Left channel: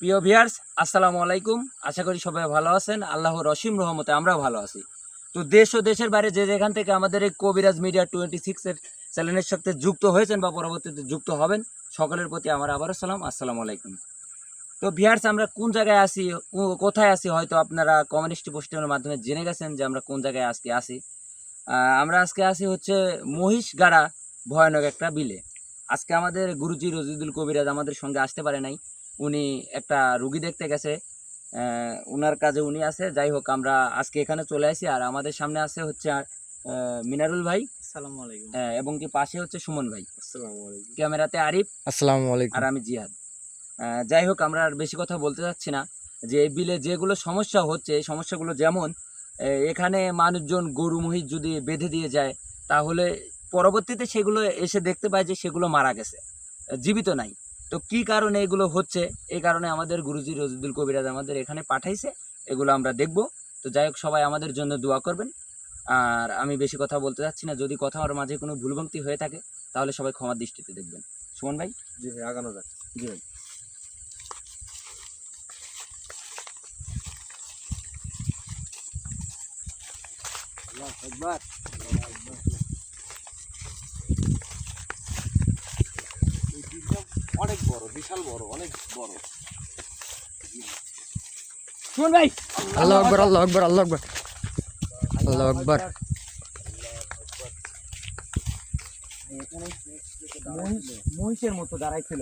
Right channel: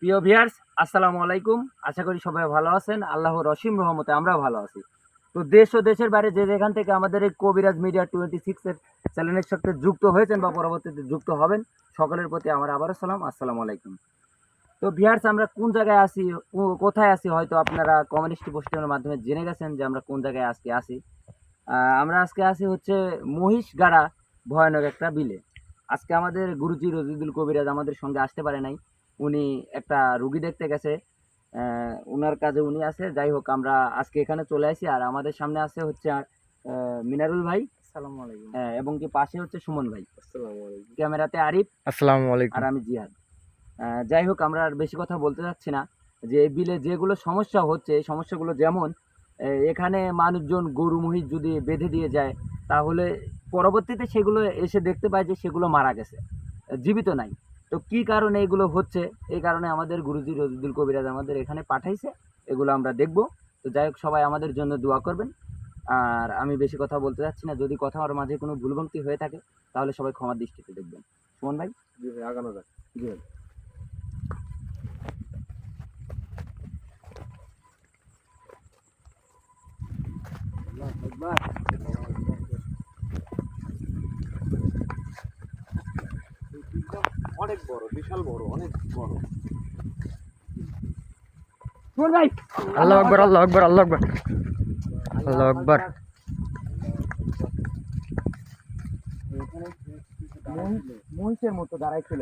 প্রিয় ভিউয়ার্স, আসসালামু আলাইকুম। আশা করি সবাই ভালো আছেন। আল্লাহর অসীম রহমতে আমরাও ভালো আছি। তো দেশ ও দেশের বাইরে যে যেখান থেকে আমাদের এই কবিরাজ মিডিয়া 26 এর চ্যানেলের সাথে যুক্ত হয়েছেন বা পরবর্তীতে যুক্ত হবেন, সকলের প্রতি আমার আবারও সালাম, আসসালামু আলাইকুম। তো ভিউয়ার্স, আমরা কোন জায়গায় আছি, কোথায় আছি, হয়তো আপনারা কমিউনিস্ট পোস্টের মাধ্যমে জেনে গেছেন যে আমরা কোন জায়গায় আজকে আছি। আমরা আজকে আছি হচ্ছে মহিষগাড়া ভয়ানক একটা বিলে। আজকে আমাদের গুরুজি রজিদুল কবিরাজ আমাদের সঙ্গে আসতে পারে নাই। উনি একটা রুগী দেখতে গেছে, উনার কাজে উনি আছে। যাই হোক, আমরা আজকে এখানে চলে আসি। আর আমাদের সামনে আছে হচ্ছে মিনারুল ভাই, আসসালামু আলাইকুম। এবং কি পাশে হচ্ছে সুমন ভাই, আসসালামু আলাইকুম। ক্যামেরাতে আরিফ, আসসালামু আলাইকুম। আর আমি জিহাদ। যাই হোক, আমরা আর বেশি কথা বলতে চাচ্ছি না। যে এই বিলে যেগুলো সমস্যা হচ্ছে, এই সমস্যাগুলো যেমন এখানে মানুষজন গরু মহিষ যদি বেঁধে দিয়ে যায়, তাহলে পরবর্তীতে সেগুলো এসে দেখতে পায় যে সেগুলো মারা গেছে, জীবিত নাই। তো কি কারণে এগুলো হচ্ছে, এই কারণে আমাদের গুরুজি রজিদুল কবিরাজ আমাদের এখানে পাঠাইছে, এগুলো আমরা দেখব। তো যাই হোক, সবাই আমাদের জন্য দোয়া করবেন। আর আমি বেশি কথা বলতে চাচ্ছি না। যদি কথা আমার মাঝে কোনো ভুলভ্রান্তি হয়ে থাকে তাহলে সবাই ক্ষমার দৃষ্টিতে দেখবেন। সুমন ভাই। জি ভাই, আগানো যাক। জি ভাই। অনেক বড়, বিশাল বড়, অনেক বড়। সুমন ভাই। আল্লাহু আকবার, আল্লাহু আকবার, আল্লাহু আকবার, আল্লাহু আকবার। মহিষের মতো দাঁড়াইছিল।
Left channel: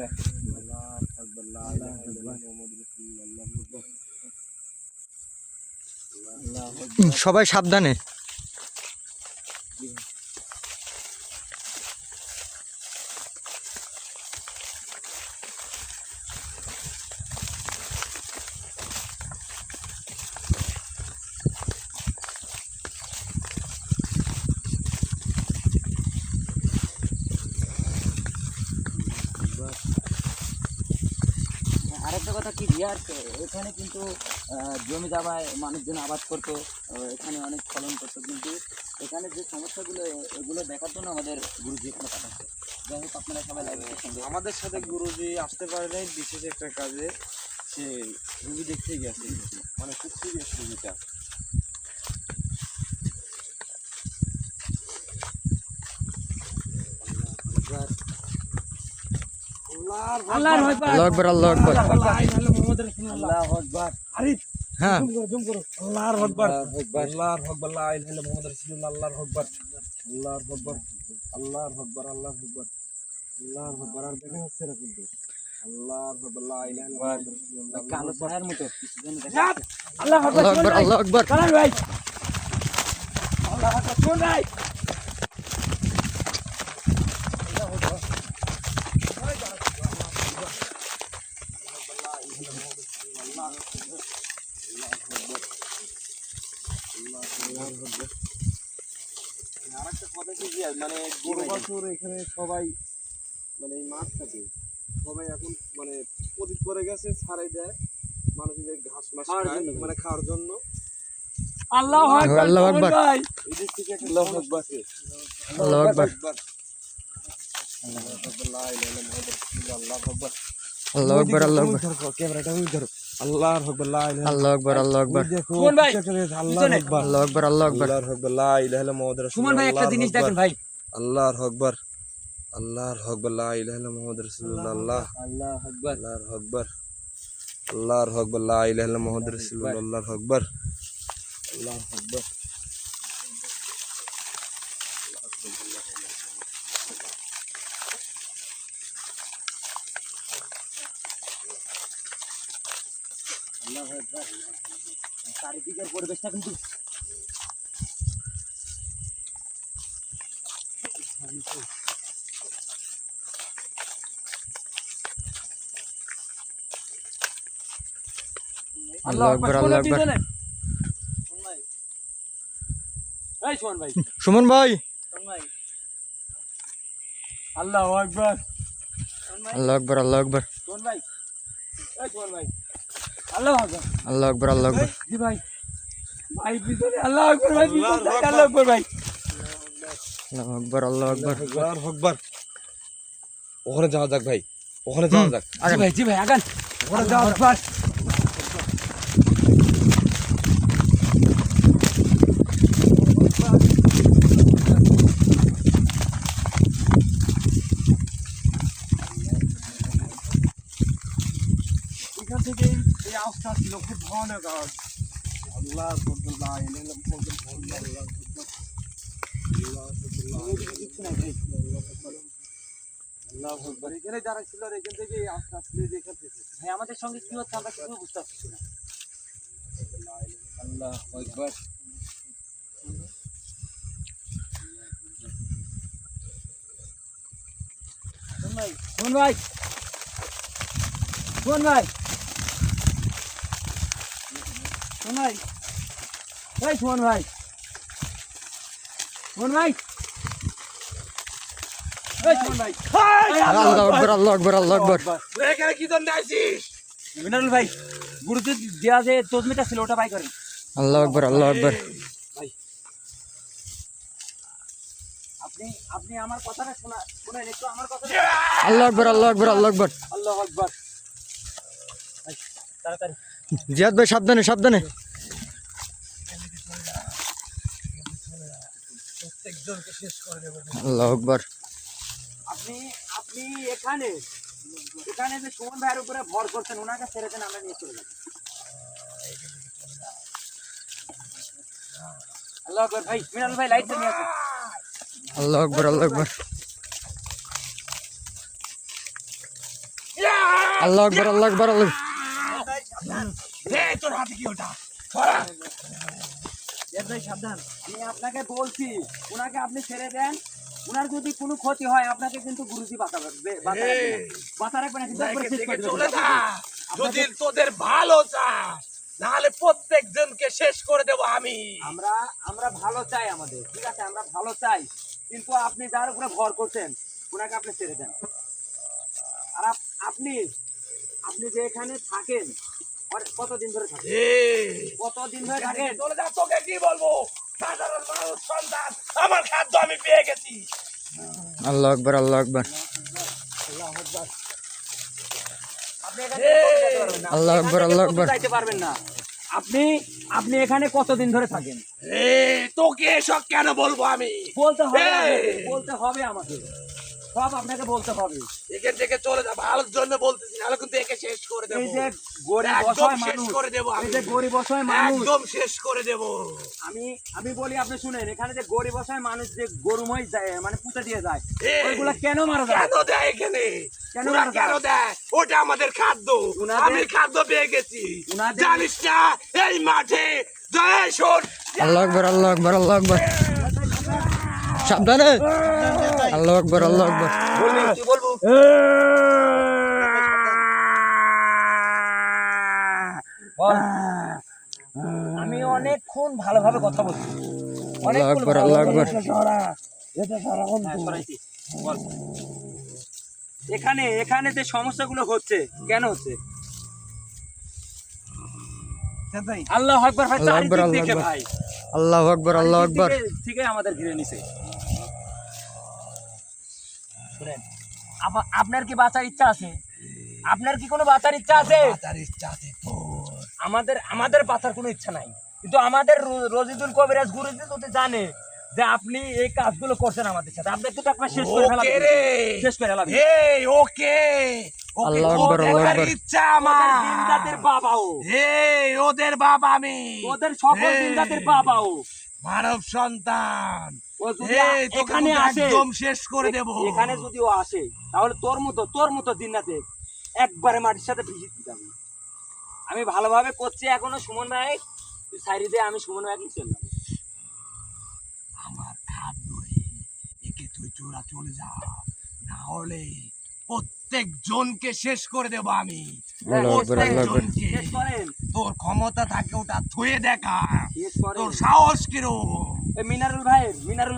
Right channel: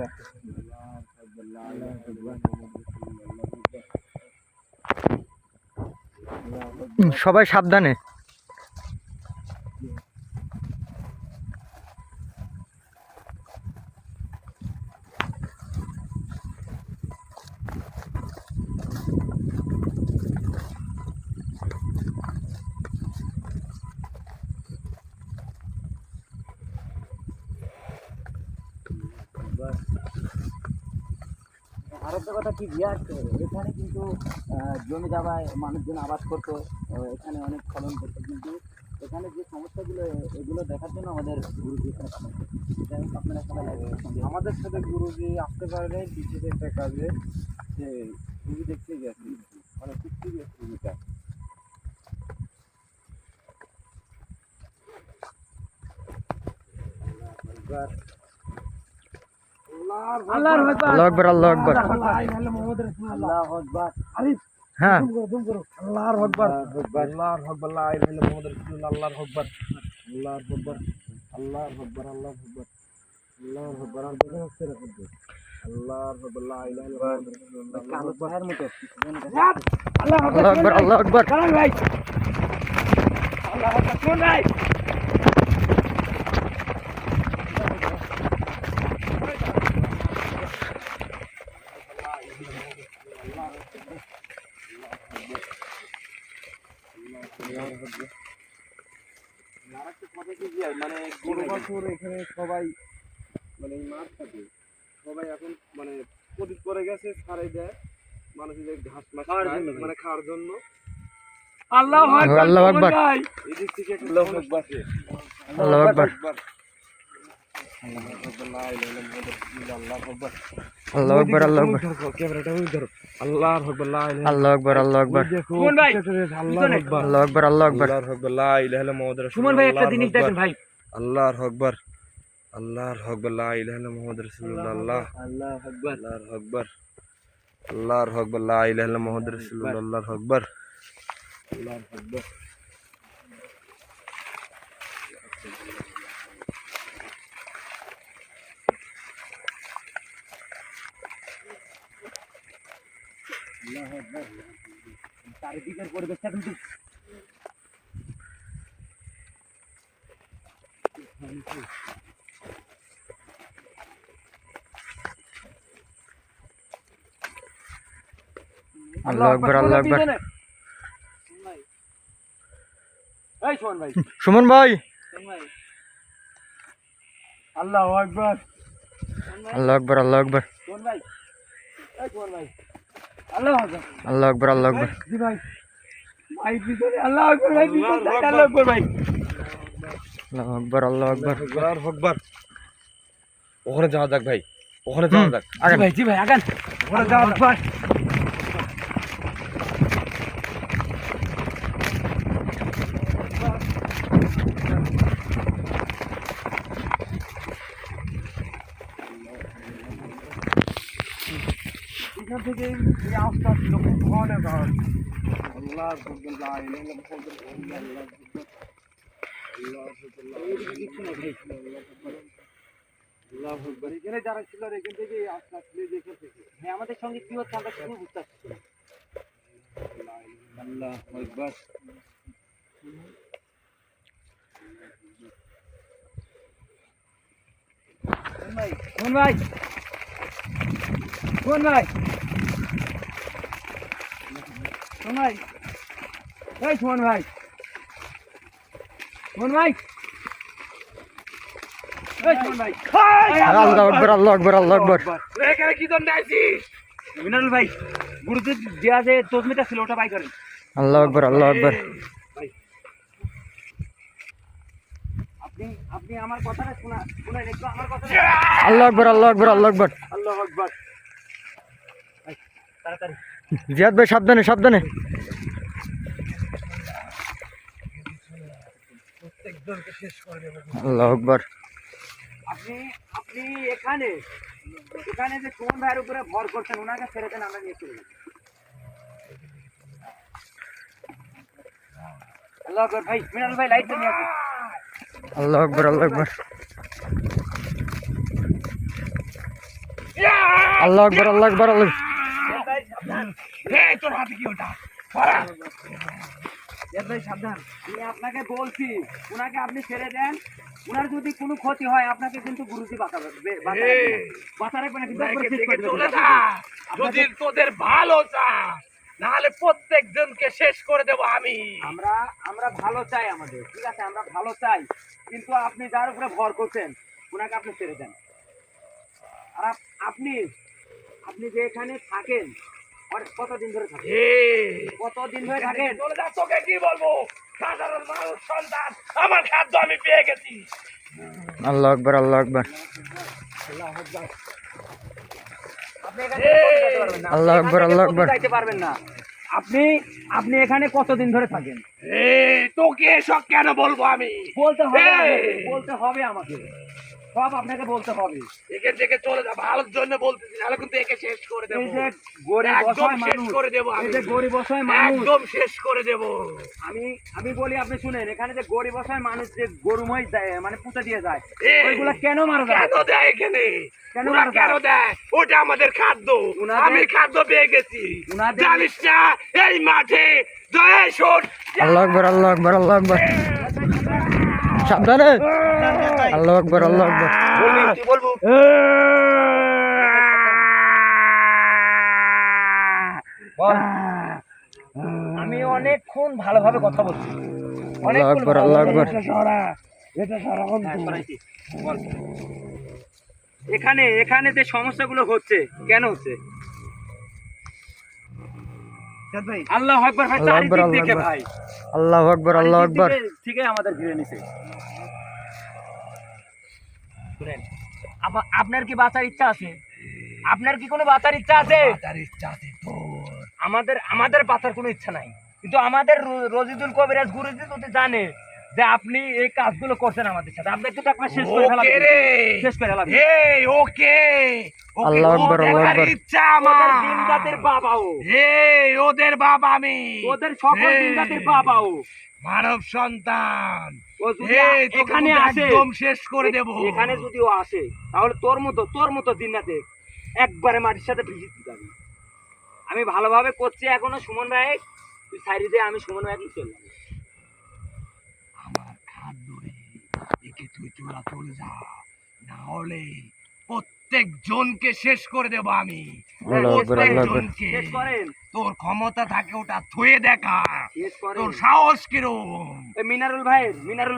সবাই সাবধানে। আরেকটা কথা কি বিয়ার, এখানে কিন্তু জমি জায়গায় মানুষজন আবাদ করতো, এখানে অনেক ফলন করতো, কিন্তু এখানে যে সমস্যাগুলো, এগুলো দেখার জন্য আমাদের গুরুজি এখানে পাঠাচ্ছে। যাই হোক, আপনারা সবাই লাইভের সঙ্গে আমাদের সাথে গুরুজি আসতে পারে নাই বিশেষ একটা কাজে। সে রুগী দেখতে গেছে, মানে খুব সিরিয়াস রুগীটা। আল্লাহু আকবার, আল্লাহু আকবার। আল্লাহু আকবার। হ্যাঁ, আল্লাহর আকবার, আল্লাহর আকবার, লা ইলাহা ইল্লাল্লাহ মুহাম্মাদুর রাসূলুল্লাহ, আল্লাহর আকবার, আল্লাহর আকবার, আল্লাহর আকবার, আল্লাহর আকবার, আল্লাহর আকবার। আর দেখা যাচ্ছে না কিন্তু। আল্লাহর আকবার, লা ইলাহা ইল্লাল্লাহ মুহাম্মাদুর রাসূলুল্লাহ, কালো ছায়ার মতো আল্লাহু আকবার, আল্লাহু আকবার। ভাই। আরেকটা কথা কি যে মানে গরু বাছুর এখানে সবাই মানে এই মাছ থাকে, সবাই এখন মানে পতিত করে গেছে, ছাড়াই দেয় মানুষের ঘাস মাস খাওয়ার খায়, জন্য। মানে খাওয়ার জন্য। আল্লাহু আল্লাহু আকবার, এদিক থেকে একটা সমস্যা আছে। আল্লাহু আকবার, আল্লাহু আকবার, লা ইলাহা ইল্লাল্লাহ, আল্লাহু আকবার। আল্লাহু আকবার, আল্লাহু আকবার, ক্যামেরাটা ওই ধরো। আল্লাহু আকবার, লা ইলাহা আল্লাহু আকবার, আল্লাহু আকবার, দেখো, সুমন ভাই, আল্লাহু আকবার, আল্লাহু আকবার, আল্লাহু আকবার। আল্লাহু আকবার, লা ইলাহা ইল্লাল্লাহ মুহাম্মাদুর সুমন রাসূলুল্লাহ, ভাই, একটা জিনিস দেখেন ভাই। আল্লাহু আকবার, আল্লাহু আকবার, লা ইলাহা ইল্লাল্লাহ মুহাম্মাদুর রাসূলুল্লাহ, আল্লাহু আকবার। আল্লাহু আকবার, আল্লাহু আকবার, লা ইলাহা ইল্লাল্লাহ মুহাম্মাদুর রাসূলুল্লাহ, আল্লাহু আকবার, আল্লাহু আকবার। চারিদিকের পরিবেশটা কিন্তু আল্লাহু আকবার, আল্লাহু আকবার। এই সুমন ভাই, সুমন ভাই, আল্লাহু আকবার, আল্লাহু আকবার, আল্লাহু আকবার, সুমন ভাই, এই সুমন ভাই, আল্লাহু আকবার। আল্লাহু আকবার, আল্লাহু আকবার, জি ভাই, ভাই পিছনে আল্লাহু আকবার, ভাই পিছনে আল্লাহু আকবার ভাই। আল্লাহু আকবার, আল্লাহু আকবার। আল্লাহু আকবার। ওখানে যাওয়া যাক ভাই, ওখানে যাওয়া যাক। জি ভাই, জি ভাই, আগান। ওরে যাও বাস এখান থেকে এই আওয়াজটা ছিল খুব ভয়ানক আওয়াজ আল্লাহ আল্লাহ এখানে যারা ছিল এখান থেকে আস্তে আস্তে এখান থেকে ভাই আমাদের সঙ্গে কি হচ্ছে আমরা কিছু বুঝতে পারছি না। আল্লাহ আকবার কোন ভাই কোন ভাই কোন ভাই এই কোন ভাই কোন ভাই এই কোন ভাই আল্লাহু আকবার আল্লাহু আকবার আল্লাহু আকবার এখানে কি জন্য আইছিস মিনারুল ভাই গুরুজি দেয়া যে তসমিটা ছিল ওটা বাই করেন। আল্লাহু আকবার আল্লাহু আকবার আপনি আপনি আমার কথাটা শোনাই একটু আমার কথাটা। আল্লাহু আকবার আল্লাহু আকবার আল্লাহু আকবার আল্লাহু আকবার ভাই তাড়াতাড়ি জিয়াদ ভাই সাবধানে সাবধানে প্রত্যেকজনকে শেষ করে দেব আল্লাহু আকবার আপনি আপনি এখানে এখানে যে সুমন ভাইয়ের উপরে ভর করছেন ওনাকে ছেড়ে দেন আমরা নিয়ে চলে যাব। আল্লাহ আকবার ভাই মিনারুল ভাই লাইট নিয়ে আসুন। আল্লাহু আকবার আল্লাহু আকবার আল্লাহু আকবার আল্লাহু আকবার আল্লাহু এই তোর হাতে কি ওটা এর ভাই সাবধান আমি আপনাকে বলছি ওনাকে আপনি ছেড়ে দেন ওনার যদি কোনো ক্ষতি হয় আপনাকে কিন্তু গুরুজি বাঁচাবে বাঁচা রাখবে না কিন্তু একবার শেষ করে চলে দেবে যা যদি তোদের ভালো চাস নাহলে প্রত্যেকজনকে শেষ করে দেব আমি আমরা আমরা ভালো চাই আমাদের ঠিক আছে আমরা ভালো চাই কিন্তু আপনি যার উপরে ভর করছেন ওনাকে আপনি ছেড়ে দেন। আর আপনি আপনি যে এখানে থাকেন আর কতদিন ধরে থাকেন কতদিন ধরে থাকেন চলে যা তোকে কি বলবো সাধারণ মানুষ সন্তান আমার খাদ্য আমি পেয়ে গেছি আল্লাহু আকবার আল্লাহু আকবার আপনি এখানে কোথাও যেতে পারবেন না। আল্লাহু আকবার, এখান থেকে আল্লাহু কোথাও আকবার। যাইতে পারবেন না। আপনি আপনি এখানে কতদিন ধরে থাকেন তোকে এসব কেন বলবো আমি বলতে হবে এই! আপনাকে, বলতে হবে আমাকে সব আপনাকে বলতে হবে। এখান থেকে চলে যা ভালোর জন্য বলতেছি নাহলে কিন্তু একে শেষ করে দেবো এই যে গরিব একদম অসহায় শেষ মানুষ করে দেবো আমি এই যে গরিব অসহায় মানুষ একদম শেষ করে দেবো আমি আমি বলি আপনি শুনেন এখানে যে গরিব অসহায় মানুষ যে গরু মহিষ দেয় মানে পুঁতে দিয়ে যায় এই! ওইগুলা কেন মারা যায় কেন দেয় এখানে কেন ওরা মারা যায়? কেন দেয় ওটা আমাদের খাদ্য উনাদের- আমি খাদ্য পেয়ে গেছি উনাদের- জানিস না এই মাঠে জয় শোন আল্লাহু আকবার আল্লাহু আকবার আল্লাহু আকবার সাবধানে আল্লাহু আকবার আল্লাহু আকবার বলবি তুই বলবো বল। আমি অনেকক্ষণ ভালোভাবে কথা বলছি আল্লাহু আকবার আল্লাহু আকবার হ্যাঁ, সরাইছি। বল। এখানে এখানে যে সমস্যাগুলো হচ্ছে কেন হচ্ছে আল্লাহ আকবার ভাই আল্লাহু আকবার, চারিদিক আল্লাহু থেকে আকবার। ভাই আল্লাহু আকবার আল্লাহু আকবার থেকে আমাদের ঘিরে নিছে শুনেন আপনার কি বাঁচার ইচ্ছা আছে আপনার কি কোনো বাঁচার ইচ্ছা আছে তার ইচ্ছা আছে তোর আমাদের আমাদের বাঁচার কোনো ইচ্ছা নাই কিন্তু আমাদের রজিদুল কবিরাজ গুরুজি যদি জানে যে আপনি এই কাজগুলো করছেন আমাদের সাথে আপনাকে তো একবার শেষ করে ফেলাবে ওকে রে শেষ করে ফেলাবে এই ওকে ওকে আল্লাহু আকবার, ওদের আল্লাহু দেখার আকবার। ইচ্ছা ওদের আমার দিনজাতের বাবাও এই ওদের বাবা আমি ওদের সকল এই, দিনজাতের বাবাও মানব সন্তান ও যদি এই তোকে এখানে কিন্তু আসে একদম শেষ করে দেব এখানে যদি ও আসে তাহলে তোর মতো জিন্নাতে একবারে মাটির সাথে ভিজিয়ে দিতে হবে আমি ভালোভাবে করছি এখনো সুমন ভাই তুই সাইডে দিয়ে আমি সুমন ভাইকে চললাম আমার খাদ্য রে একে তুই চলে যা না হলে প্রত্যেক জনকে শেষ করে দেব আমি আল্লাহু আকবার, প্রত্যেক আল্লাহু আকবার। জনকে শেষ করেন তোর ক্ষমতা থাকে ওটা থুয়ে দেখা শেষ করেন তোর সাহস কিরম এই মিনারুল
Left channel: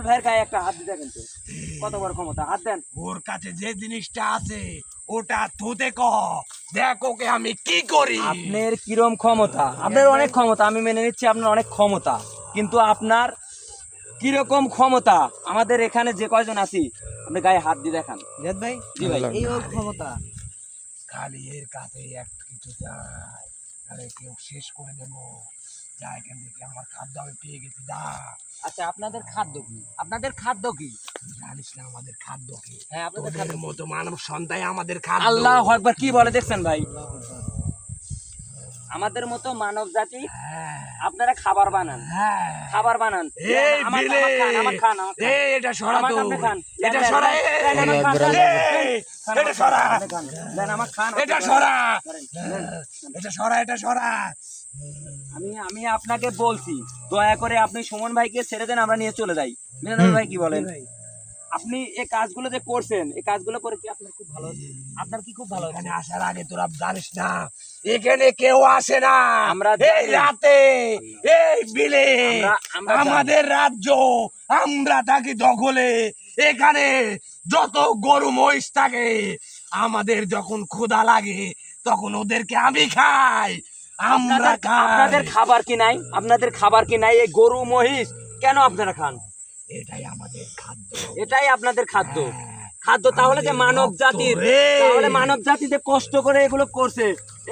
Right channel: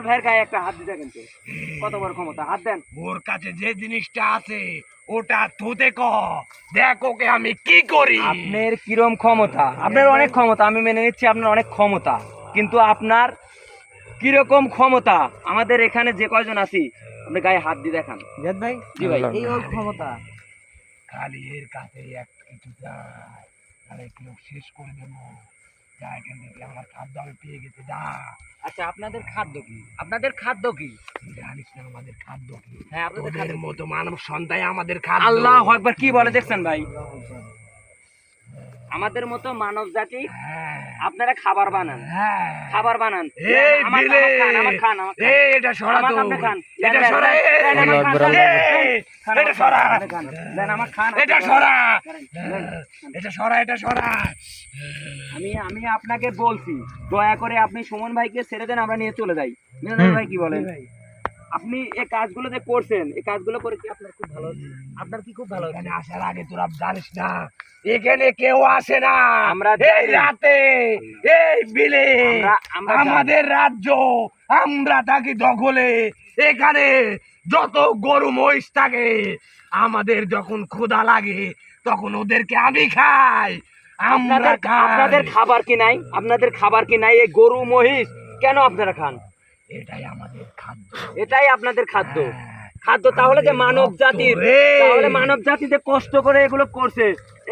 ভাইয়ের গায়ে একটা হাত দিতে কিন্তু কত বড় ক্ষমতা হাত দেন ওর কাছে যে জিনিসটা আছে ওটা থুতে ক দেখ ওকে আমি কি করি আপনার কিরম ক্ষমতা আপনার অনেক ক্ষমতা আমি মেনে নিচ্ছি আপনার অনেক ক্ষমতা কিন্তু আপনার কিরকম ক্ষমতা আমাদের এখানে যে কয়জন আছি আপনি গায়ে হাত দিয়ে দেখান জাদ ভাই জি ভাই আল্লাহ। এই ওর ক্ষমতা খালি এর কাছে এক কিছু চাই, তাহলে কেউ শেষ করে দেবো। যা এখান থেকে, আমার খাদ্য আমি পেয়ে গেছি, যা। আচ্ছা আপনাদের খাদ্য কি? আপনাদের খাদ্য কি? জানিস না আমাদের খাদ্য কি? হ্যাঁ আপনাদের তোদের খাদ্য। মতো মানব সন্তান আমাদের খাদ্য। আল্লাহু আকবার, কি বলে দেখছেন ভাই? আমাদের মতো মানব জাতি হ্যাঁ, আপনারা খাবার বানান, হ্যাঁ। খাবার বানান। এই আমার বিলে, খান, আমার খান, আমার খান। এই এটা সরা আমার তো, আপনি খান। এটা দেন, সরা, দেন, দেন, এই, আমার খান, দেন, এই, খান, এটা সরা, আপনি খান। দেন, আমার খান, আপনি এটা খান। সরা, করেন, দেন। এটা সরা, এটা সরা। আমি আপনাকে বলছি, দয়া করে আপনি সুমন ভাইকে ছেড়ে দেন, আমরা নিয়ে চলে যাই। মিনাল ভাই কি বলেন? আপনি এই কাজগুলো যে করছেন, এই কাজগুলো করে কি আপনার খুব ভালো হচ্ছে? আপনার কি খুব ভালো হচ্ছে? এখানে আসার আগে তোরা জানিস না, এখানে কেউ আসে না। আমরা এই জানি। রাতে, এই বিলে, আমরা আমাদের রাজ্য, আমরা থাকি দখলে। এখানে যত গরু মহিষ থাকে, আমাদের যখন ক্ষুধা লাগে তখন ওদেরকে আমি খাই, আমরা আপনাদের খাই। খাবার কি নাই? আপনাদের খাবার কি নাই? এই গরু মহিষ কেন আপনারা খান? এটাই আমাদের খাদ্য। এটাই আপনাদের খাদ্য। হ্যাঁ, খাদ্য তাহলে যে আমাদের মানব রক্ত জাতির, রে। তাহলে মানব জাতি যে কষ্ট করে এগুলো করছে,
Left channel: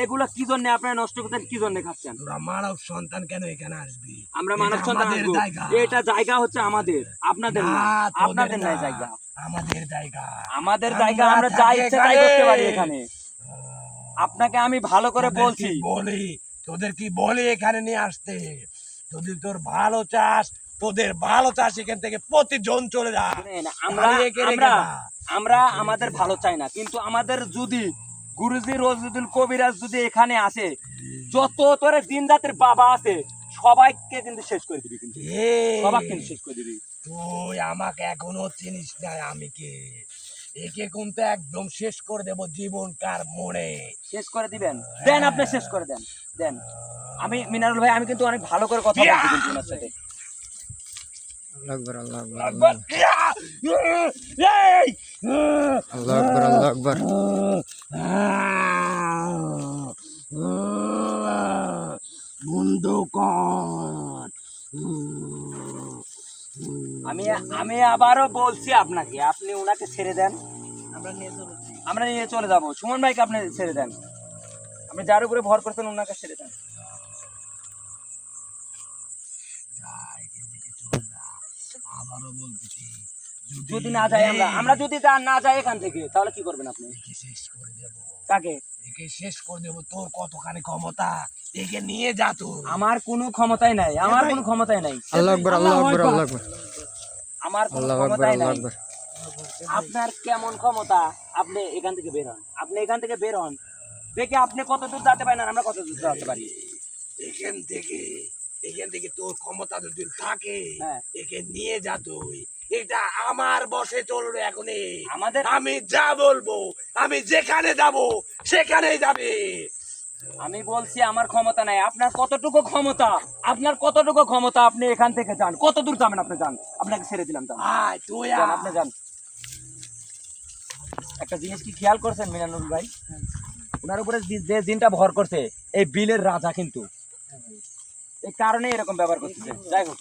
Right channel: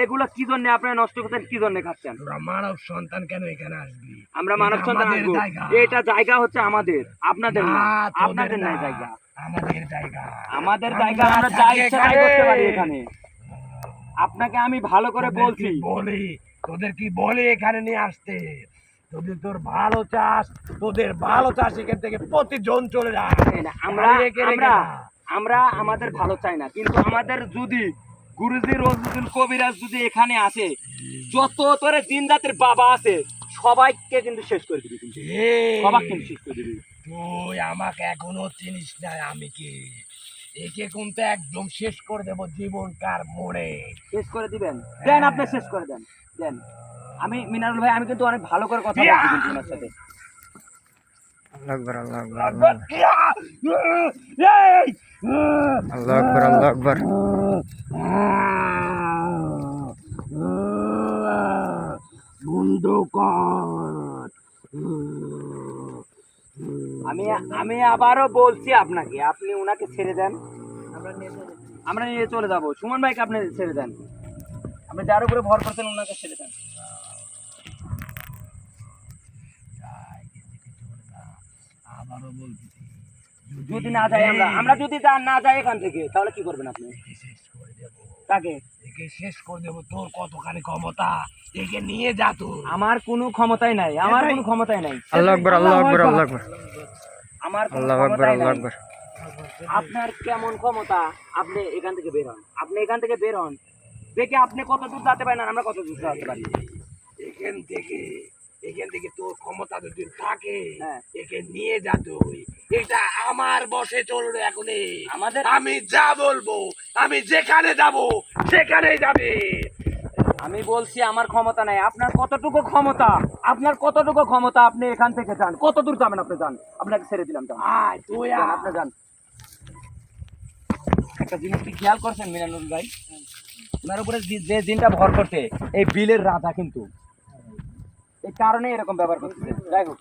এগুলো কি জন্য আপনারা নষ্ট করতেন, কি জন্য খাচ্ছেন? তোরা মানব সন্তান কেন এখানে আসবি? আমরা এটা মানব সন্তান আমাদের আসবো। জায়গা। এটা জায়গা হচ্ছে আমাদের, আপনাদের না, না। তোদের আপনাদের না, নাই জায়গা। আমাদের জায়গা। আমাদের জায়গা, আমরা যা থাকি ইচ্ছা তাই এখানে। করতে পারি এখানে। আপনাকে আমি ভালো করে তোদের বলছি। কি বলি, তোদের কি বলি এখানে নিয়ে আসতে? যদি তোর ভালো চাস, তোদের ভালো চাস, এখান থেকে প্রতিজন চলে যা। এই না, আমরা খালি একে রেখে আমরা যা। আমরা আমাদের ভালো চাই না, কিন্তু আমাদের যদি গুরুজি রোজুদ্দিন কবিরাজ যদি এখানে আসে, যত তোরে দিন জাতির বাবা আছে সবাইকে কিন্তু শেষ করে দিবি, কিন্তু এই, সবাইকে কিন্তু শেষ করে দিবি। তুই আমাকে এখনো চিনিস না আমি কে। একে কিন্তু একদম শেষ করে দেব জীবনকার মোড়ে। শেষ করে দিবেন? দেন, আপনি শেষ করে দেন, দেন। আমি মিনারুল ভাই, আমি কিন্তু অনেক ভালো করে কথা বলছি কিন্তু ওনার সাথে। আল্লাহু আকবার, আল্লাহু আকবার, আল্লাহু আকবার, এই, আল্লাহু আকবার, আল্লাহু আকবার। বন্ধ কর। আমি আমি আবারও বলছি আপনাকে, আপনি ওনাকে ছেড়ে দেন, আমরা নিয়ে চলে যাব। সুমন ভাইকে আপনি ছেড়ে দেন, আপনি যার উপরে ভর করতেন ওনাকে ছেড়ে দেন। আবারও বলতেছি, যদি না যাই আমরা যদি না যাই এখান থেকে, তাহলে কি করবেন আপনি? একে শেষ করে দেবো, তাকে একে শেষ করে দেবো। তোর কতখানি ক্ষমতা, একে নিয়ে যা তুই। আমার কোনো ক্ষমতাই নাই, আমার কোনো ক্ষমতাই নাই। আল্লাহু আকবার, আল্লাহু আকবার, আল্লাহু আকবার, আমার কোনো আল্লাহু আকবার, ক্ষমতাই আল্লাহু নাই। আকবার। আপনার কেমন ক্ষমতা? আপনি এখান থেকে বের হন, আপনি এখান থেকে বের হন, দেখে আপনি কত দূর যেতে পারেন আর আমরা কত দূর যেতে পারি। এখান থেকে, এখান থেকে তোর ক্ষমতা যদি থাকে, হ্যাঁ। একে নিয়ে যা তুই। এটা আমার বসে চলবে এখন। আমাদের আমি যা বলবো, আমি যেখানে যাব সেখানেই যাবে। আমি বলছি আমার ক্ষমতা নাই। আপনার কতটুকু ক্ষমতা? আপনার কতটুকু ক্ষমতা? আপনি এখান থেকে যান, কত দূর যাবেন আপনি যান, আপনাকে ছেড়ে দিলাম, যান, আয় তুই যান, আয়। আপনি যান। একটা জিনিস কি খেয়াল করছেন মিনানুল ভাই? ওনার উপরে যে জিনটা ভর করছে, এই বিলের রাজা কিন্তু, এই কারণে এরকম ব্যবহার করতেছে। যাই হোক,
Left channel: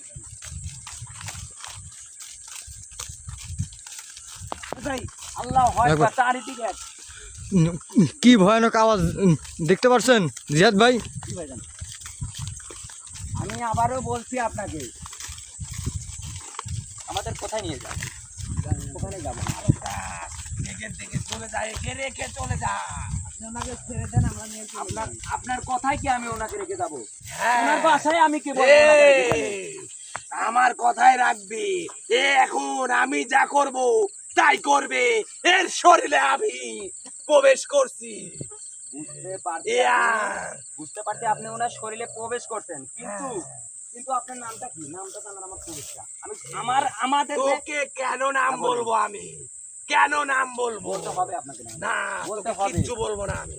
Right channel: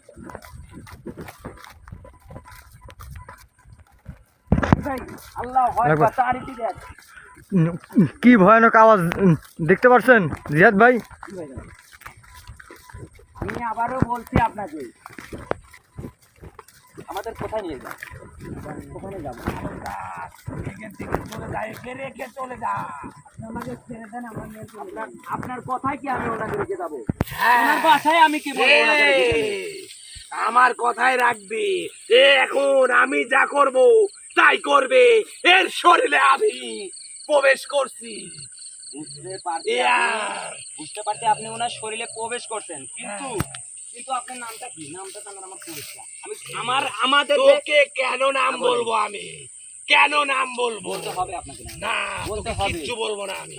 যাই, আল্লাহ হয় চারিদিকে এক। কি ভয়ানক আওয়াজ দেখতে পাচ্ছেন জিয়াদ ভাই? কি হয়ে গেল? আমি আবারও বলছি আপনাকে, আমাদের কোথায় নিয়ে যান, কোথায় যাবো? এখান থেকে চলে যা, একে রেখে চলে যা। ওনাকে ছেড়ে দেন, আমরা নিয়ে চলে যাই। আপনার কথায় কি আমি ওনাকে রেখে যাবো? হ্যাঁ। ওনার বাসায় আমি কি বলবো ওনাকে রেখে গেলে? আমার কথাই রাখবি। এখন আমি যা করব তাই করবে। এর শরীরে আমি প্রবেশ করছি। বুঝতে পারছি, ইয়া। বুঝতে পারছি আপনি ওনার শরীরে প্রবেশ করছেন, কিন্তু কিন্তু আপনার নামটা কি? নামটা জানার আমার খুব ইচ্ছা। আমি আমাদের তোকে কেন নাম বলবো আমি? কেন নাম বলবো? বলতে হবে আপনাকে নাম। না, বলতে তোকে হবে। কিচ্ছু বলবো না আমি।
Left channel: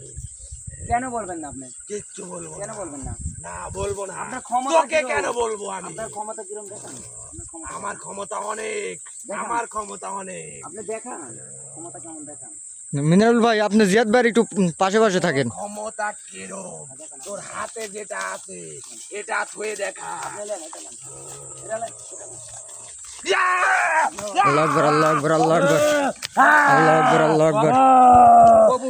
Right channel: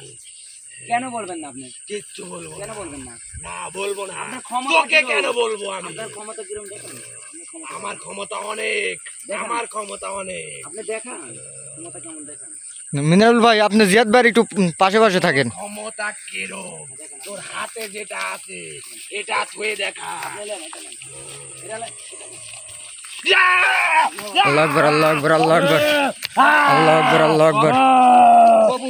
কেন বলবেন না আপনি? কিচ্ছু বলবো কেন না। বলবেন না? না, বলবো না। আপনার ক্ষমতা তোকে কিরকম? কেন বলবো আমি? আপনার ক্ষমতা কিরকম দেখান? আপনার ক্ষমতা আমার ক্ষমতা অনেক, দেখান। আমার ক্ষমতা অনেক। আপনি দেখান, ক্ষমতা কেমন দেখান। মিনারুল ভাই, আপনি জিয়াদ ভাইয়ের একটু পাশে পাশে থাকেন। ক্ষমতা কিরম? তোর হাতে যেটা আছে এটা থুয়ে দেখা। আপনি নেন, এটা নেন, এটা নেন, এটা নেন। আল্লাহু আকবার আল্লাহু আকবার আল্লাহু আকবার আল্লাহু আকবার আল্লাহু আকবার কবু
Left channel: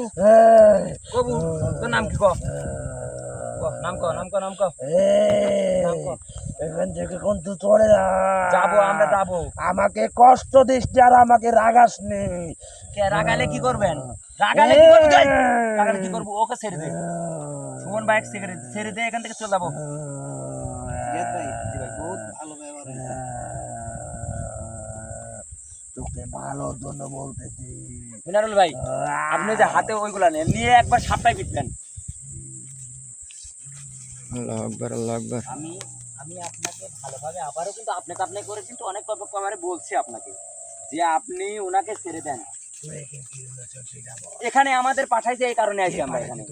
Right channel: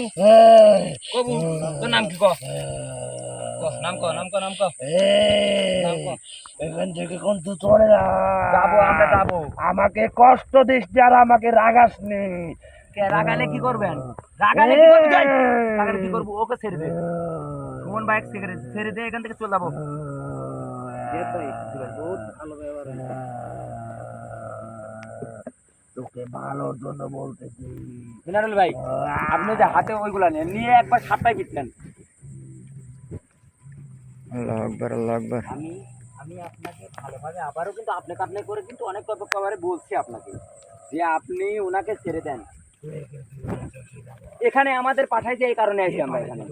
কবু তোর নাম কি ক নাম ক নাম ক নাম ক নাম ক। এখান থেকে কিন্তু চলে যা, যাবো আমরা যাবো। আমাকে কষ্ট দিস নি আর আমাকে রাগাস নি। কে রাগালে কি করবেন? রাগালে কি করবি তুই? রাগালে কি করবো? ওকে ছেড়ে দে। সুমন ভাই সিগারেট ছেড়ে দে, এখান থেকে চলে যাবো। ভাই জি ভাই বহুত ভালো ব্যবহার। তোকে ভালোর জন্য বলতেছি। মিনারুল ভাই আপনি যে হাতে ওইগুলা নেন নিয়ে একবার সাপটাই পিটলেন। আল্লাহু আকবার আল্লাহু আকবার আমি আমি আপনাকে ভালোভাবে আবারও কিন্তু আপনাকে আপনি করে কিন্তু অনেক কবারে বলছি আপনাকে যে আপনি ওনাকে ছেড়ে দেন। এখানে আমাদের পাঠাইছে এই কারণে আইছি আমরা এখানে।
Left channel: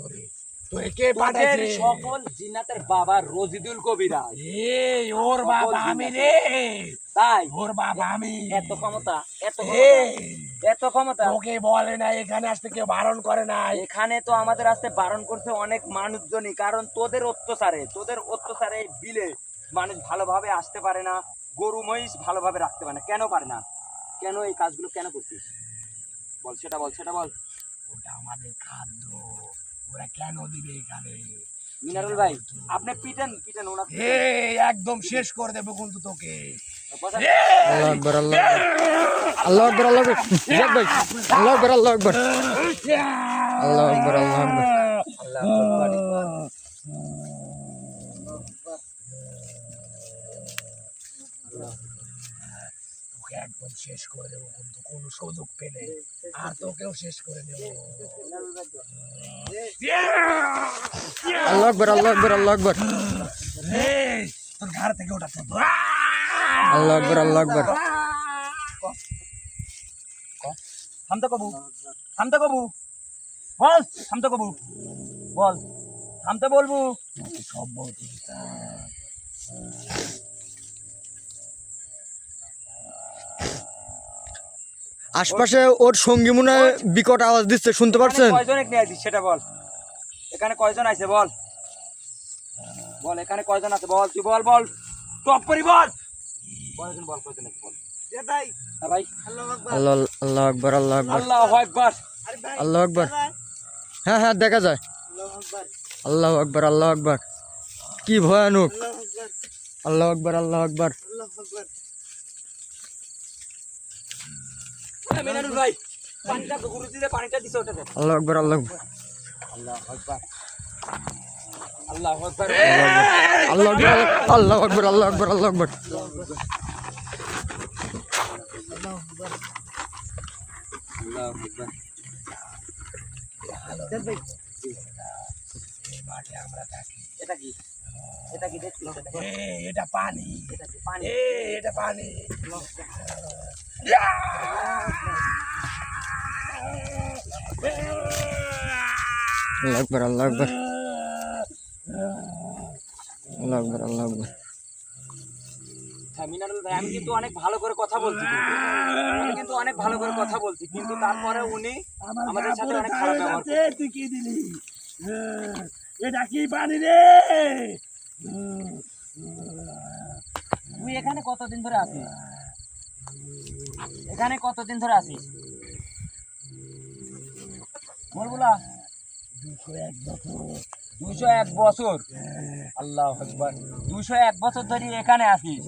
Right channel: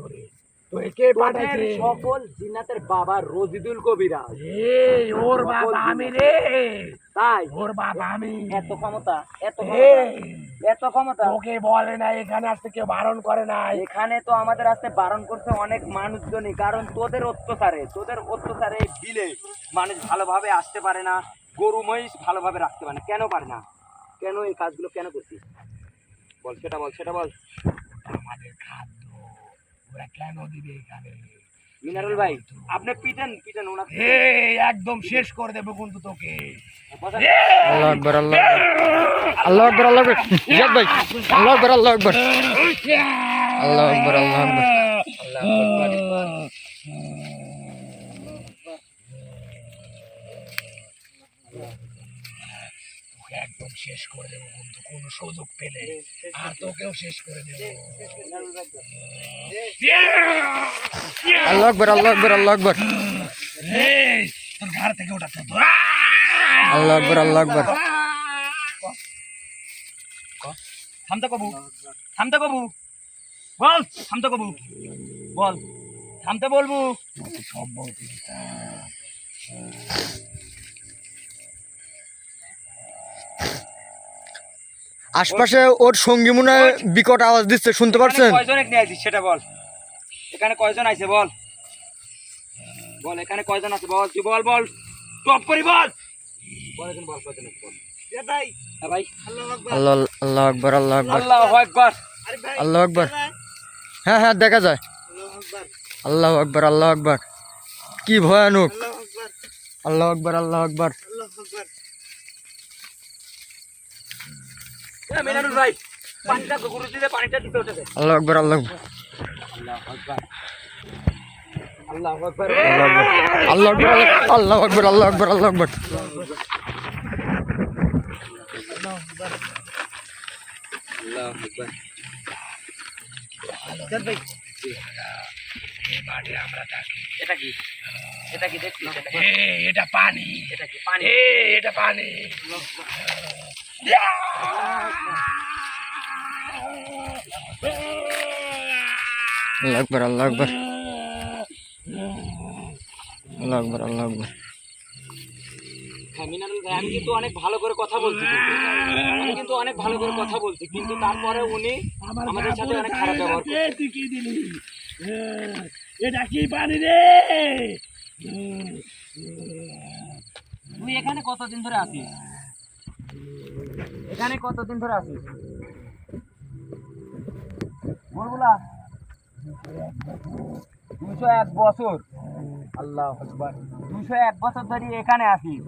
তোরে কে পাঠাইছে? তোদের সকল জিন্নাতের বাবা রজিদুল কবিরাজ। এই ওর বাবা আমি রে, তাই ওর বাবা আমি। এত ক্ষমতা, এত এই, ক্ষমতা, এত ক্ষমতা। তোকে বলে না এখানে আসতে, কেউ বারণ করে নাই। এখানে তো আমাদের আসতে বারণ করছে অনেক মানুষজনই, কারণ তোদের অত্যাচারে দিলে মানুষ ভালোভাবে আসতে পারে না, গরু মহিষ ভালোভাবে রাখতে পারে না। কেন পারে না? কেন এই কাজগুলো কেন করছিস? বল সেটা বল, সেটা বল। আমাদের খাদ্য ওরা কেন দিবে এখানে? মিনারুল ভাই আপনি পিটেন পিটেন ওনাকে। এই একদম শেষ করে দেবো কিন্তু তোকে। আল্লাহু আকবার আল্লাহু আকবার আল্লাহু আকবার আল্লাহু আকবার জিয়াদ ভাই আল্লাহু আকবার আল্লাহু আকবার আল্লাহু আকবার আল্লাহু আকবার তোকে একদম শেষ করে দেবো কিন্তু কোনো সুযোগ পেলে, আর তোকেও শেষ করে দেবো। আল্লাহু আকবার আল্লাহু আকবার আল্লাহু আকবার এই, তোর ঘাড় থেকে ওটা তো আল্লাহু আকবার আল্লাহু আকবার থামতে কবু, থামতে কবু, বল থামতে কবু, বল থামতে বলবো। সব বলতে আশপাশে ওর সঙ্গী মনে হয় বিকট আওয়াজ দিচ্ছে, শুনতে পাচ্ছেন? কয়জন নিয়ে আসিস সেটা বল। এখানে কয়জন আছে বল, বল এখানে কয়জন আছে বল, তুই বল, বল টপ করি বল, বল এখন বল কয়জন আছে বল। ভাই ভাই আল্লাহ আল্লাহু আকবার আল্লাহু আকবার আল্লাহু আকবার। আল্লাহু আকবার হ্যাঁ হ্যাঁ দেখা যায়। আল্লাহু আকবার আল্লাহু আকবার কি ভয়ানক। আল্লাহু আকবার আল্লাহু আকবার মিনারুল ভাই পানিটা গুরু দিলে পানিটা দিছে ওটাতে। আল্লাহু আকবার আল্লাহু আকবার আল্লাহু আকবার, আল্লাহু আকবার আল্লাহু আকবার আল্লাহু আকবার আল্লাহু আকবার আমরা থাকি। এটা কি, এটা কি দেখছিস? এটা কি? এটা পানি, এটা কি পানি? এটা পানি। আল্লাহু আকবার আল্লাহু আকবার আল্লাহু আকবার আল্লাহু আকবার হ্যাঁ মিনারুল ভাই আমি কিন্তু অনেক ভালো করে কথা বলছি, আমি কিন্তু অনেক ভালো করে কথা বলছি, কিন্তু তারপরে উনি আমাদের সাথে অনেক খারাপ ব্যবহার করছে। তুই কি দিলি? এটা কি পানি রে? তুই এখানে কতদিন ধরে আছিস? এখানে কতদিন ধরে আছিস বলবুলা? 201 বছর। আল্লাহু আকবার, 201 বছর ধরে এখানে আছিস।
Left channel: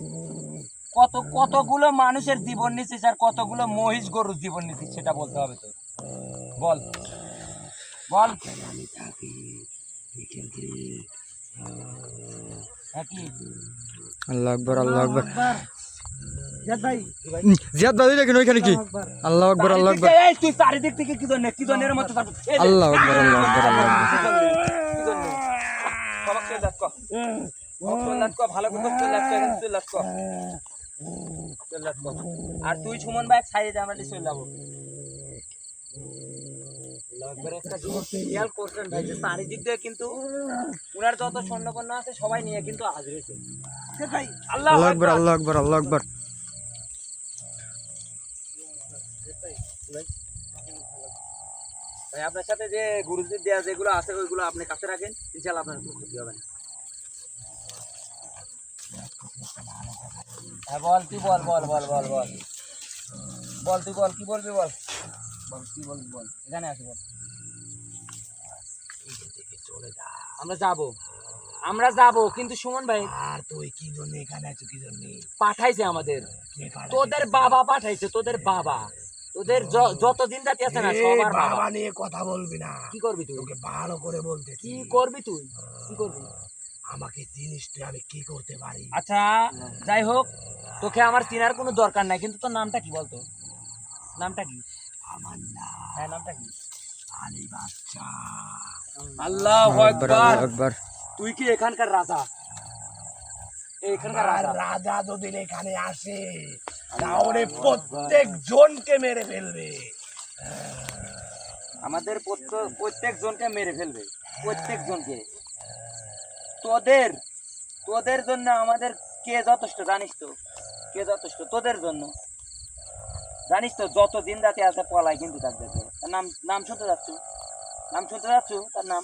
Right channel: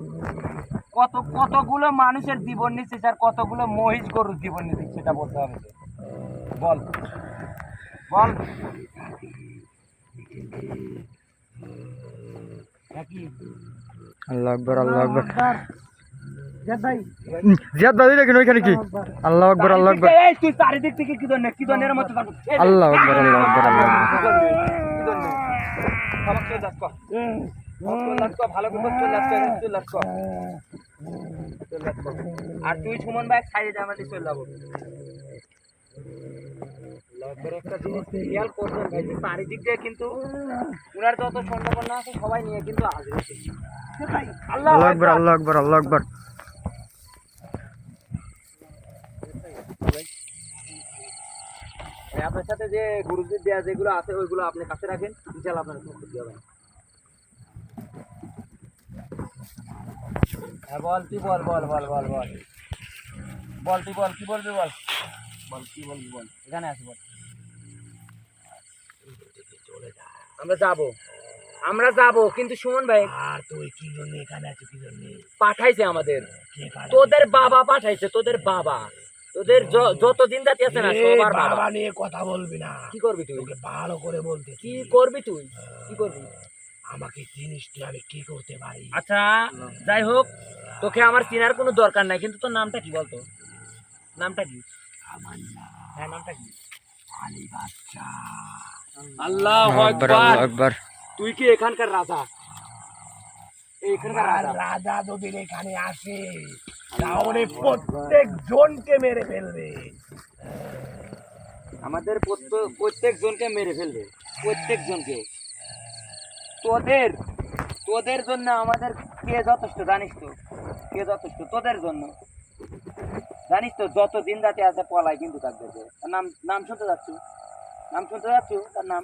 কতগুলো মানুষের জীবন নিচ্ছিস আর কতগুলো মহিষ গরুর জীবন নিচ্ছিস সেটা বলতে হবে তো। বল বল। নাকি আল্লাহু আকবার আল্লাহু আকবার জিয়াদ ভাই, জিয়াদ ভাই দেখেন ওইখানে কি? আল্লাহু আকবার আল্লাহু আকবার এই তুই চারিদিক থেকে কি জনের মতো আল্লাহু আকবার আল্লাহু আকবার আল্লাহু আকবার ভালো করে আর তুই সুমন ভাই সাইডে যা, আমরা চলে যাবো। একটা জিনিস খেয়াল করবেন ভাই, যে চারিদিক দিয়ে কিন্তু উনার যত সৈন্যবন্য আছে সবাই নিয়ে কিন্তু আসবে। আল্লাহ আল্লাহু আকবার আল্লাহু আকবার আল্লাহু আকবার ভাই আপনার সাথে যে গুরুজির দেয়া যেগুলো আছে ওইগুলো আপনি কাছে রাখেন, ইনশাআল্লাহ আপনার কোনো ক্ষতি হবে না। হ্যাঁ বল, তুই বল বল বল বল বল বল, তুই বল, কি বলবি বল, বল কি বলবি বল, এখানে আসি বল। আমরা যাবো, আমরা যাবো, কিন্তু সুমন ভাই আর তুই কি জন্য এখানে আছো, কি জন্য? পাঠাইছে আমাদের, কে পাঠাইছে? তোদের বাবা পাঠাইছে, তোদের বাবা, তোদের যত দিন জাতি আছে না সবার বাবা। বাবা নিয়ে কথা বলবি না, কি করবি তুই, তোকে ভালো করে বলতেছি। কি করবি তুই, কি করবি? আমাকে জিনিস তুই আমি কি করতে পারি? আচ্ছা যাই হোক, তোকে আমার চেনার কোনো দরকার নাই, কিন্তু তোর নামটা কি বলতো, নামটা কি? আমার নাম হ্যাঁ নামটা কি? আলী বাচ্চা। আল্লাহু আকবার আল্লাহু আকবার। তুই কি এখানকার রাজা? এখানকার আর রাজা? রাজা যদি এখানে আসে তাহলে প্রত্যেক জনকে মেরে ফেলবে। আমাদের প্রত্যেক জনকে মেরে ফেলবে, প্রত্যেক জনকে। তোদের তোদের জন্য আমাদের কে যথেষ্ট জানিস তো, কে যথেষ্ট তোদের জন্য জানিস তো? যত দিন রাতে আছে পলাই কিন্তু থাকবে। তার নাম, নাম শুনতে যাচ্ছ, নাম শুনতে যাচ্ছ, তার নাম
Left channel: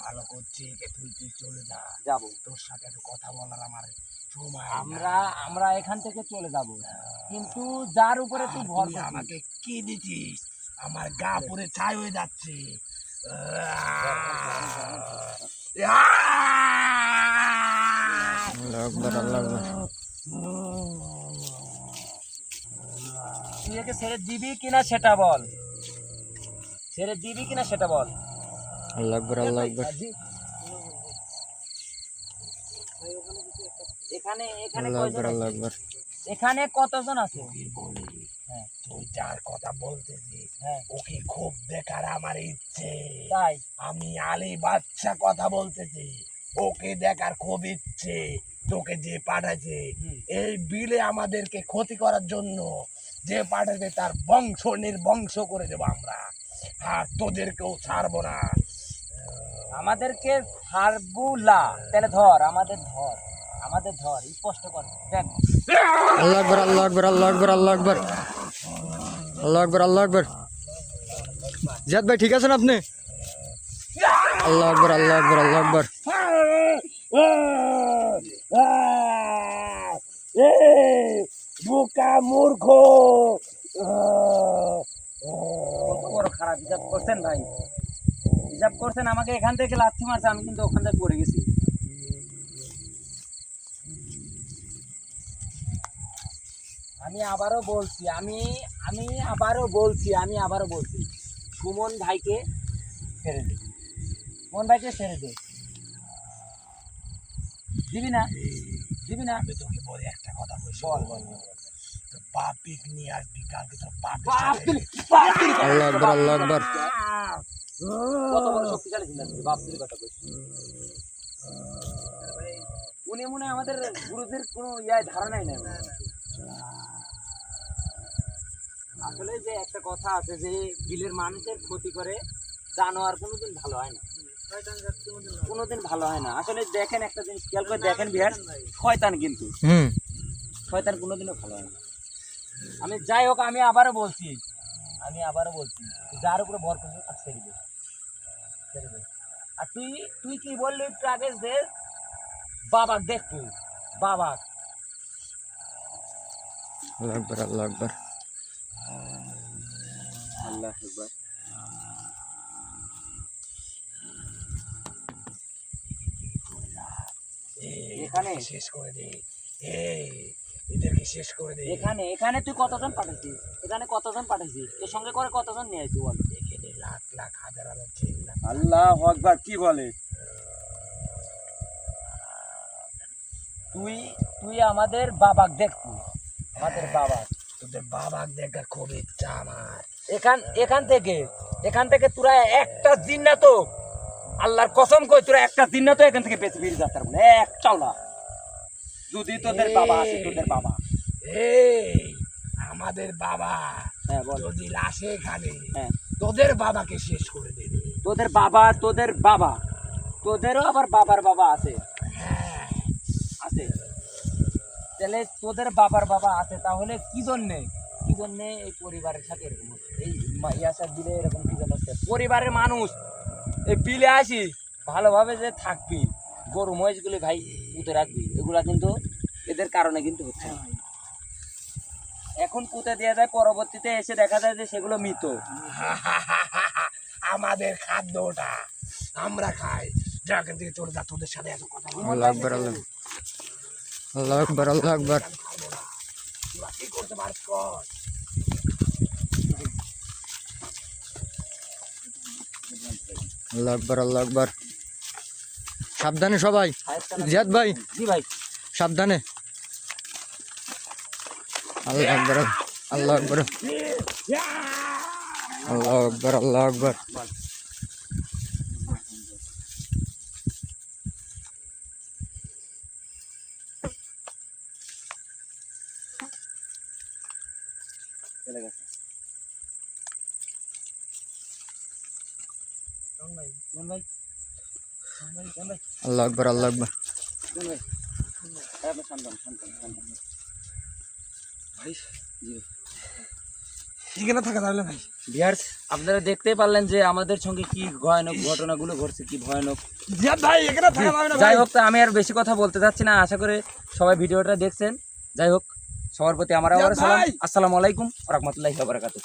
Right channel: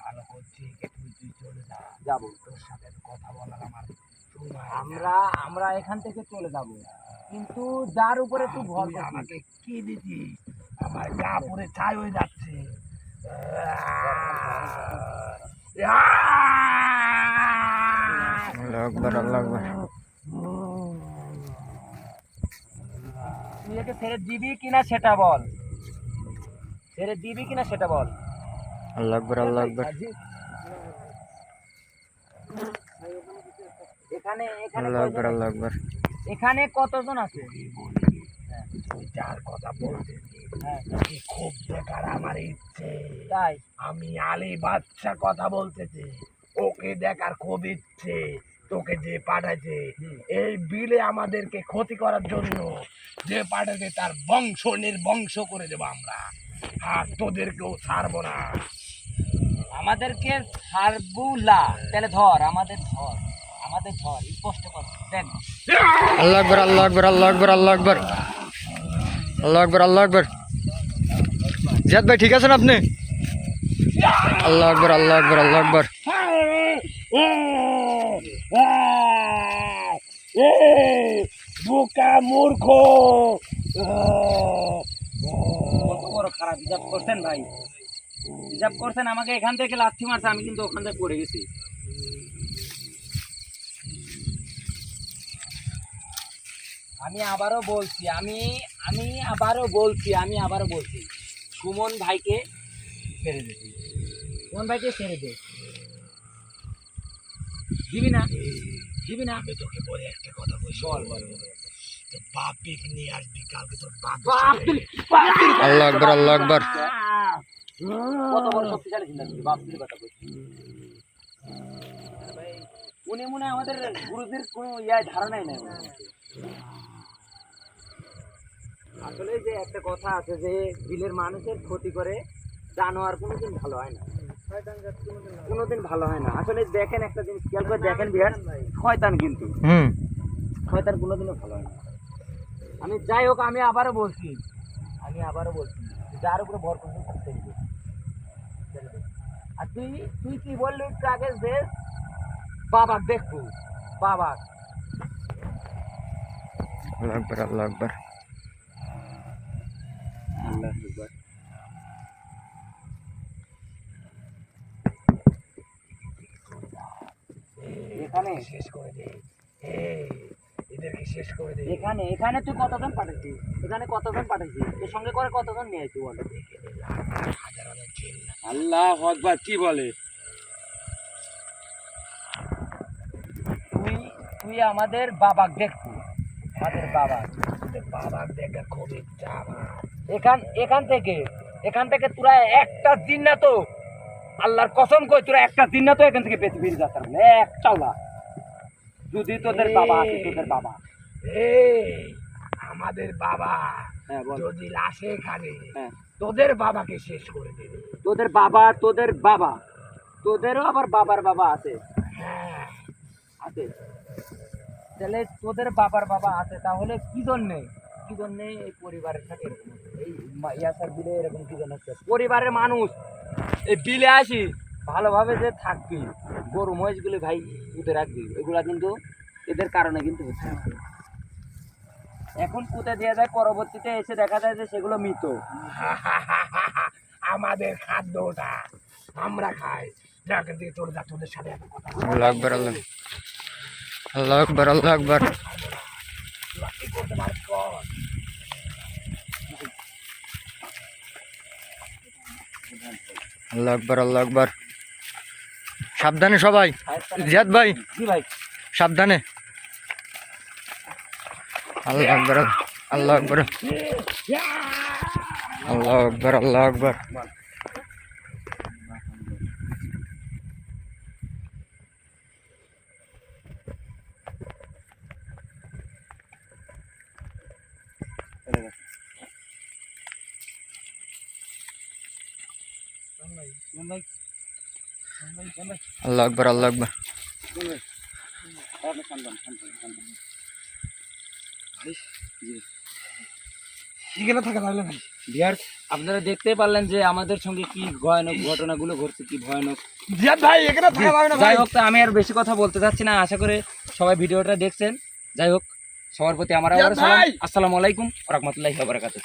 ভালো করছি, তুই তুই চলে যা। যাবো, তোর সাথে একটু কথা বলার আমার সময় আমরা আমরা এখান থেকে চলে যাব, কিন্তু যার উপরে তুই ভর তুই করছিস, আমাকে কি দিছিস? আমার গা পুরে ছাই হয়ে যাচ্ছে। আল্লাহু আকবার আল্লাহু আকবার। তুই একে ছেড়ে দিবি কিনা সেটা বল, ছেড়ে দিবি কিনা সেটা বল। আল্লাহু আকবার আল্লাহু আকবার। এখানে এখানে আল্লাহু আকবার কয়জন আল্লাহু আছে? আকবার। এখানে কতজন আছে? কি বলি, হ্যাঁ, তুই যার কথা বলতেছিস হ্যাঁ, ওকে খুব দেখার আমার ইচ্ছে। তাই আমি আলী বাচ্চা কথা বলতেছি, ওকে দেখার খুব ইচ্ছে। তোকে যে পাঠাইছে এই বিলে আমাদেরকে ক্ষতি করার জন্য, যে পাঠাইছে তার বংশ নির্বংশ করে দেবো আমরা, আর তোদেরকেও ছাড়বো না। আমাদেরকে ছাড়বুলা, তাহলে ধর আমাদের, ধর আমাদের, ধর স্পষ্ট কর দেখ। আল্লাহু আকবার আল্লাহু আকবার আল্লাহু আকবার আল্লাহু আকবার আল্লাহু আকবার আল্লাহু আকবার। জিয়াদ ভাই ঠিক আছেন আপনি? আল্লাহু আকবার আল্লাহু আকবার আল্লাহু আকবার। বোকা মূর্খ, কত বড় খারাপ হিসাব করছেন ভাই, হিসাব করছেন, আমাকে এখান থেকে লাথি মারছে, আমি কিন্তু ওখান থেকে পড়ে গেছি। আমি আবারও বলছি, আমি আমি আবারও বলছি, আমি আবারও বলছি, সুমন ভাইকে ছেড়ে দে, সুমন ভাইকে ছেড়ে দে। দিবি না, দিবি না? আমি তোকে বলে একটা কথা বলছি, বল বল বল। তোর বাপিক নিয়ে আসবি কালকে, তোর বাপ বাপ তুই, বাপ তুই। আল্লাহু আকবার আল্লাহু আকবার। কত বড় শক্তিশালী চিন্তা করছিস, বাপ তুই কথা বলছিস। উনি মনে হয় আমাদের গুরুদের কোনো ধারণাই নেই। আসলে যে একটা কথা আছে যে বিলের মানুষের ক্ষতি করে জানোয়ার কোনোদিন ভালো হয় না, কোনোদিন ভালো হয় না। আসলে দেখেন একটা জিনিস খেয়াল করে দেখেন বিহার, শয়তান কিন্তু শয়তান কোনোদিনও ভালো হয় না। আমি যাই হোক, আমি আবারও বলছি, আমি আবারও বলছি, যার উপরে ভর করছিস তাকে ছেড়ে দে, ছেড়ে দে। আর তুই তুই কি বললি একটু আগে যে বাবা দেখবো, বাবা আল্লাহু আকবার আল্লাহু আকবার। আল্লাহ আকবার। এখানে শেষ করে দে, এদেরকে শেষ করে দে। এখানে এখানে তুই কতজন পাঠাইছিস, এখানে কতজন পাঠাইছিস, এর সঙ্গে করে কতজন নিয়ে আসছিস বল? এখানে লাখ লাখ হাজার হাজার চিল্লা। আল্লাহু আকবার, কি বলে? তুই তুই আমাদের বাবা দেখবো, আমাদের বাবা। তোদের বাবার দেখা খুব ইচ্ছা আমার। এখান থেকে তোরা একটা দিন না তো, আল্লাহর কসম কই, তোরা একটা দিন না তো এখান থেকে বেঁচে ফিরে যেতে পারবি না, একটাও না, যদি তোদের বাবা আছে, তোদের বাবা। এই আমাদের বাবা হ্যাঁ বল। যদি আসে এখানে, হ্যাঁ, তোদের বাবাকে শেষ করে দেবে। তোদের বাবা, তোদের বাবা, তোদেরও আবার বাবার বাবা আছে, হ্যাঁ, আছে। তাহলে তোদের বাবার বাবা আছে, তাহলে কি জন্যে, কি জন্যে এই পরিবারের সাথে এরকম হচ্ছে, এই ইয়াসার বিলে এরকম কি জন্য হচ্ছে? পরিবারের মানুষ এই বিলে আসি ভালোভাবে যে থাকবি, গরু মহিষগুলি ভাই পুঁতে রাখবি, এগুলা কিন্তু এদের কারণে কিন্তু হচ্ছে না। এখন পুঁতে দেওয়া যায়, পরবর্তীতে এসে দেখা যায় যে সেগুলো মৃত। আমাদের খাদ্যটা আমরা খাই, যেখান থেকে তোর যা, তোদের সাথে এত কথা বলবো আল্লাহু আকবার আল্লাহ আল্লাহু আকবার আল্লাহু আকবার তোরা কি করতে পারছ কর। আল্লাহু আকবার আল্লাহু আকবার। সাবধানে সবাই, জিয়াদ ভাই জি ভাই, সাবধানে। আল্লাহু আকবার আল্লাহু আকবার আল্লাহু আকবার আল্লাহু আকবার। চলে গেছে। আল্লাহু আকবার আল্লাহু আকবার। এখানে থাকা যাবে না ভাই। ভিউয়ার্স, আপনারা দেখতেই পারলেন যে আমাদের সঙ্গে কি ভয়ানক ঘটনাগুলো ঘটছে, কি ভয়ানক। জিয়াদ ভাই এখানে থাকা যাবে না যাই ভাই। হোক, তা আমি আর বেশি কথা বলতে চাচ্ছি না, আশা করে সবাই ভিডিওটা দেখছেন। যাই হোক, সবার প্রতি আমার আবার সালাম, আসসালামু আলাইকুম ওয়া রাহমাতুল্লাহি ওয়া বারাকাতুহু।